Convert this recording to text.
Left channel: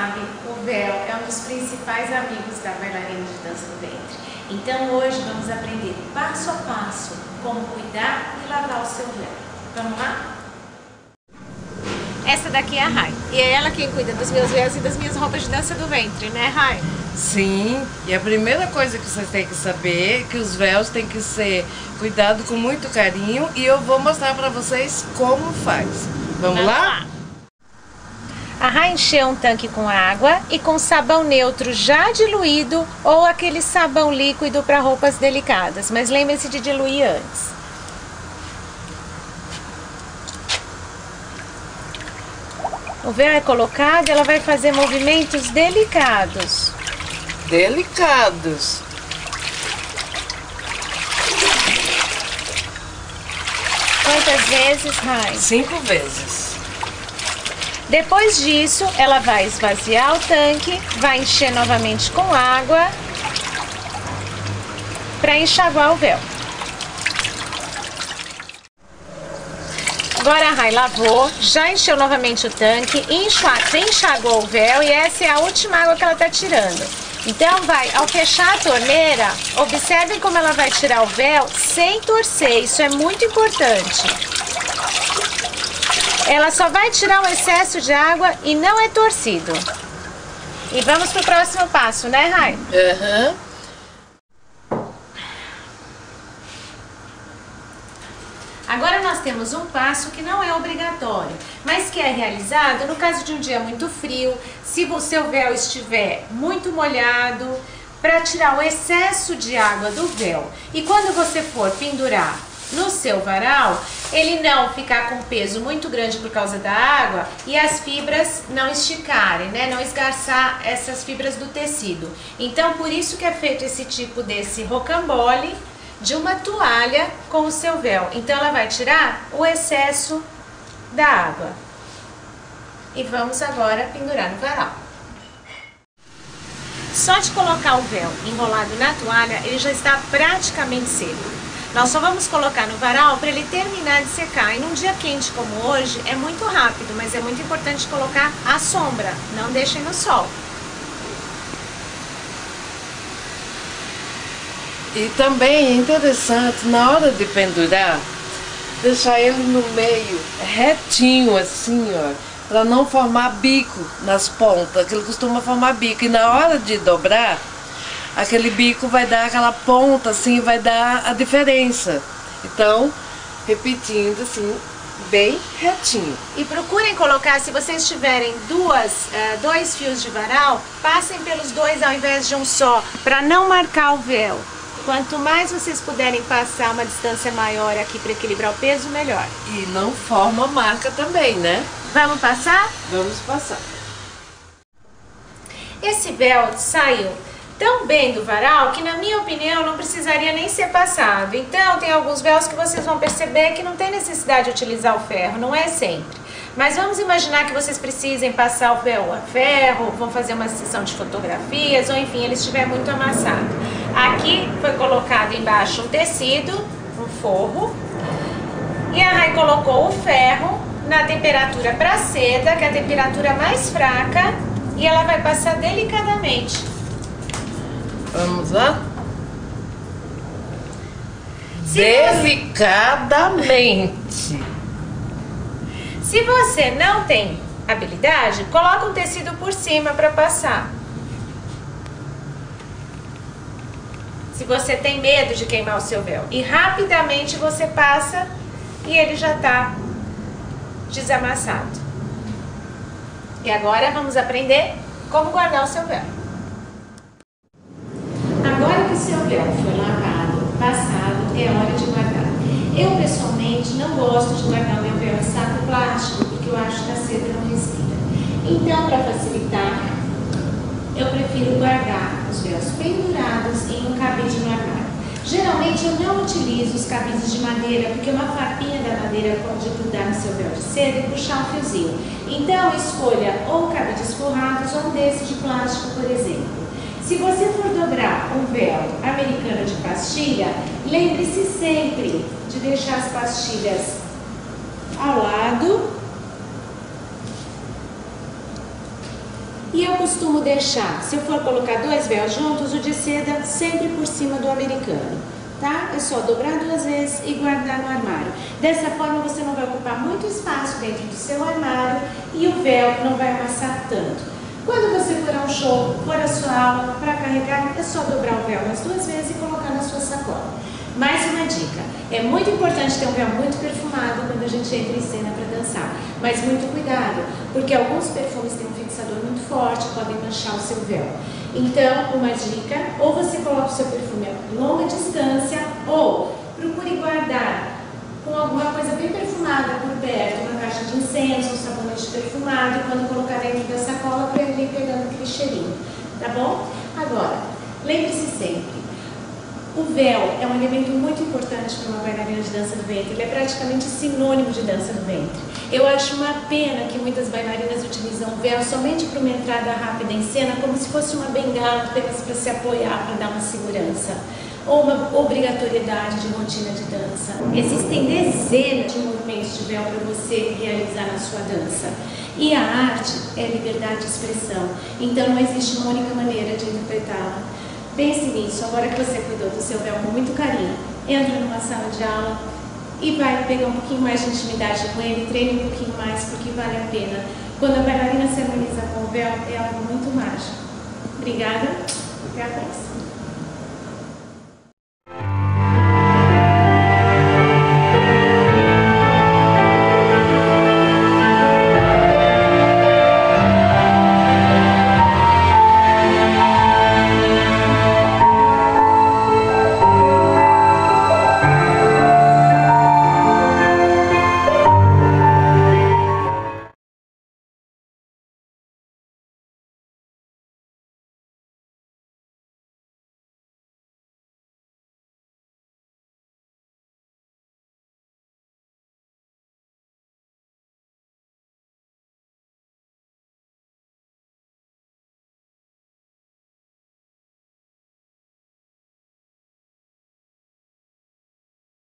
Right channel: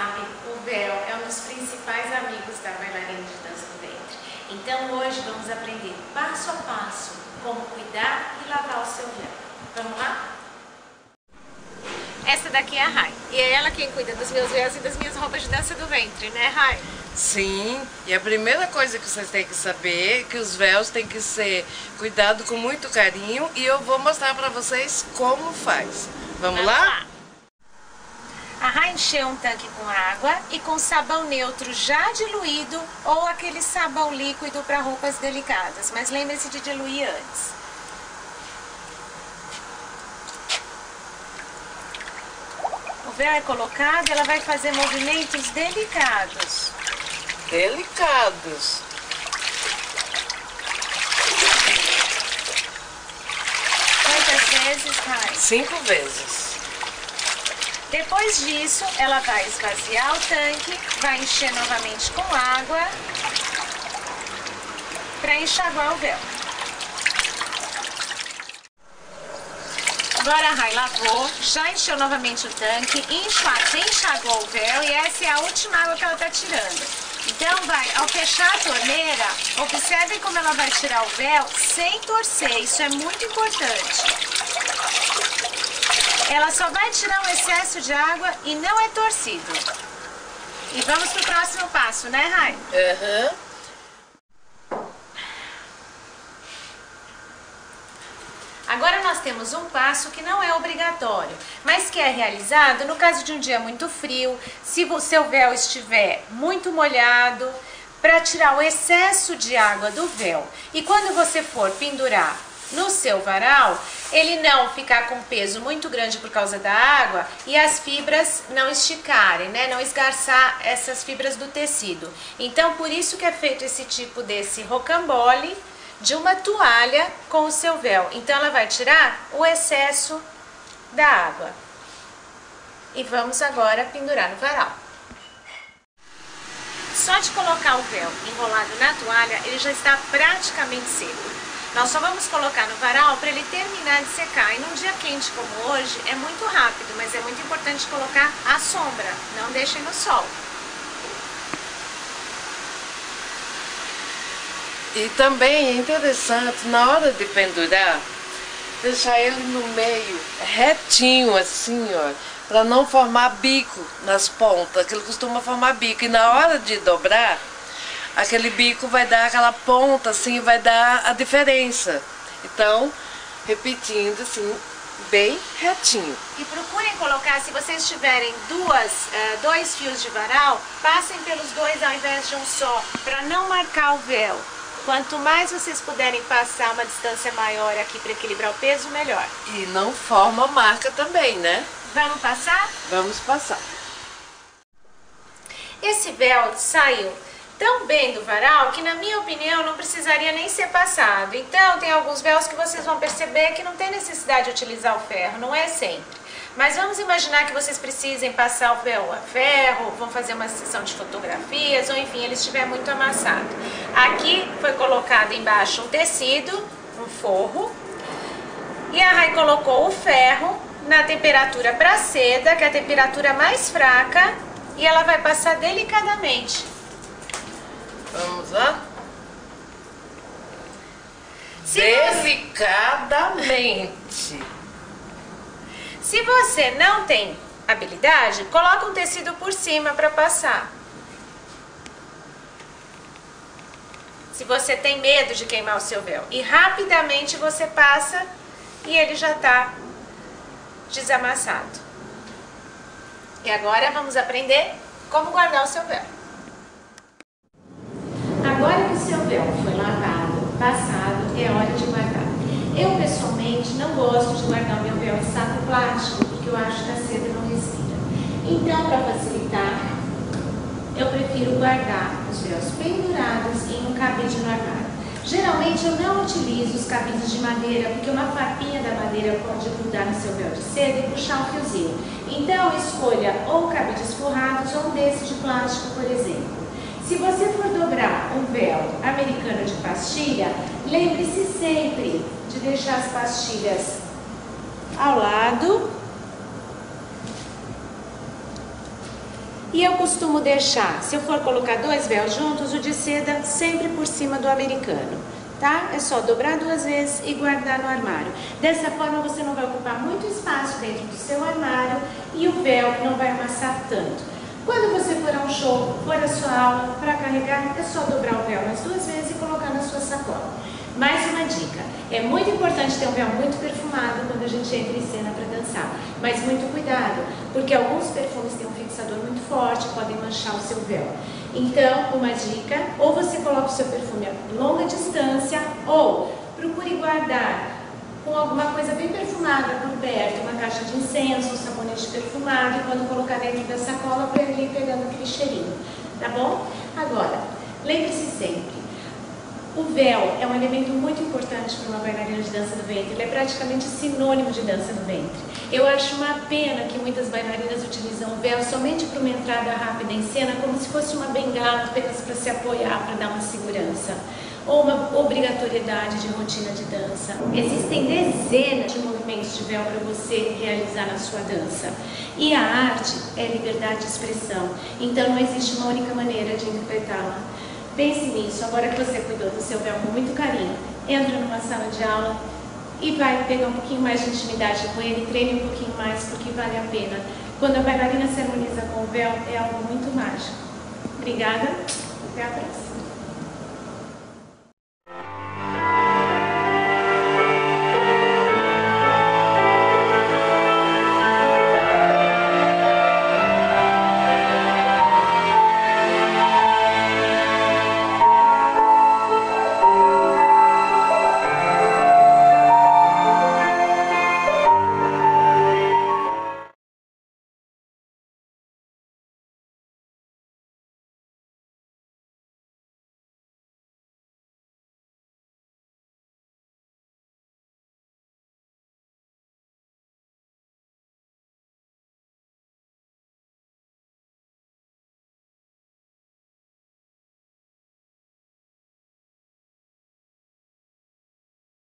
sabem, o véu é um dos principais amigos da bailarina de dança do ventre. Então hoje vamos aprender passo a passo como cuidar e lavar o seu véu. Vamos lá? Essa daqui é a Rai, e é ela quem cuida dos meus véus e das minhas roupas de dança do ventre, né, Rai? Sim, e a primeira coisa que vocês têm que saber é que os véus têm que ser cuidados com muito carinho e eu vou mostrar para vocês como faz. Vamos lá? A Rai encheu um tanque com água e com sabão neutro já diluído ou aquele sabão líquido para roupas delicadas, mas lembre-se de diluir antes. O véu é colocado, ela vai fazer movimentos delicados. Delicados. Quantas vezes, Rai? 5 vezes. Depois disso, ela vai esvaziar o tanque, vai encher novamente com água para enxaguar o véu. Agora a Rai lavou, já encheu novamente o tanque, enxagou o véu e essa é a última água que ela está tirando. Então ao fechar a torneira, observem como ela vai tirar o véu sem torcer, isso é muito importante. Ela só vai tirar o excesso de água e não é torcido. E vamos para o próximo passo, né, Rai? Agora nós temos um passo que não é obrigatório, mas que é realizado no caso de um dia muito frio, se o seu véu estiver muito molhado, para tirar o excesso de água do véu. E quando você for pendurar no seu varal, ele não ficar com peso muito grande por causa da água e as fibras não esticarem, né? Não esgarçar essas fibras do tecido. Então, por isso que é feito esse tipo desse rocambole de uma toalha com o seu véu. Então, ela vai tirar o excesso da água. E vamos agora pendurar no varal. Só de colocar o véu enrolado na toalha, ele já está praticamente seco. Nós só vamos colocar no varal para ele terminar de secar. E num dia quente como hoje, é muito rápido, mas é muito importante colocar à sombra. Não deixem no sol. E também é interessante, na hora de pendurar, deixar ele no meio, retinho assim, ó, para não formar bico nas pontas, que ele costuma formar bico. E na hora de dobrar, aquele bico vai dar aquela ponta assim, vai dar a diferença. Então, repetindo assim, bem retinho. E procurem colocar, se vocês tiverem dois fios de varal, passem pelos dois ao invés de um só, para não marcar o véu. Quanto mais vocês puderem passar uma distância maior aqui para equilibrar o peso, melhor. E não forma marca também, né? Vamos passar? Vamos passar. Esse véu saiu tão bem do varal que, na minha opinião, não precisaria nem ser passado. Então, tem alguns véus que vocês vão perceber que não tem necessidade de utilizar o ferro, não é sempre. Mas vamos imaginar que vocês precisem passar o véu a ferro, vão fazer uma sessão de fotografias, ou enfim, ele estiver muito amassado. Aqui foi colocado embaixo um tecido, um forro, e a Rai colocou o ferro na temperatura para seda, que é a temperatura mais fraca, e ela vai passar delicadamente. Vamos lá? Delicadamente. Se você não tem habilidade, coloca um tecido por cima para passar. Se você tem medo de queimar o seu véu. E rapidamente você passa e ele já está desamassado. E agora vamos aprender como guardar o seu véu. Agora que o seu véu foi lavado, passado, é hora de guardar. Eu, pessoalmente, não gosto de guardar o meu véu em saco plástico, porque eu acho que a seda não respira. Então, para facilitar, eu prefiro guardar os véus pendurados em um cabide no armário. Geralmente, eu não utilizo os cabides de madeira, porque uma farpinha da madeira pode grudar no seu véu de seda e puxar um fiozinho. Então, escolha ou cabides forrados ou um desse de plástico, por exemplo. Se você for dobrar um véu americano de pastilha, lembre-se sempre de deixar as pastilhas ao lado E eu costumo deixar, se eu for colocar 2 véus juntos, o de seda sempre por cima do americano, tá? É só dobrar 2 vezes e guardar no armário. Dessa forma você não vai ocupar muito espaço dentro do seu armário e o véu não vai amassar tanto. Quando você for a um show, for a sua aula, para carregar, é só dobrar o véu umas 2 vezes e colocar na sua sacola. Mais uma dica, é muito importante ter um véu muito perfumado quando a gente entra em cena para dançar, mas muito cuidado, porque alguns perfumes têm um fixador muito forte, podem manchar o seu véu. Então, uma dica, ou você coloca o seu perfume a longa distância, ou procure guardar com alguma coisa bem perfumada por perto, uma caixa de incenso, um sabonete perfumado, e quando colocar dentro da sacola, para ele ir pegando aquele cheirinho, tá bom? Agora, lembre-se sempre, o véu é um elemento muito importante para uma bailarina de dança do ventre, ele é praticamente sinônimo de dança do ventre. Eu acho uma pena que muitas bailarinas utilizam o véu somente para uma entrada rápida em cena, como se fosse uma bengala apenas para se apoiar, para dar uma segurança, ou uma obrigatoriedade de rotina de dança. Existem dezenas de movimentos de véu para você realizar na sua dança. E a arte é liberdade de expressão, então não existe uma única maneira de interpretá-la. Pense nisso, agora que você cuidou do seu véu com muito carinho, entra numa sala de aula e vai pegar um pouquinho mais de intimidade com ele, treine um pouquinho mais, porque vale a pena. Quando a bailarina se harmoniza com o véu, é algo muito mágico. Obrigada, até a próxima.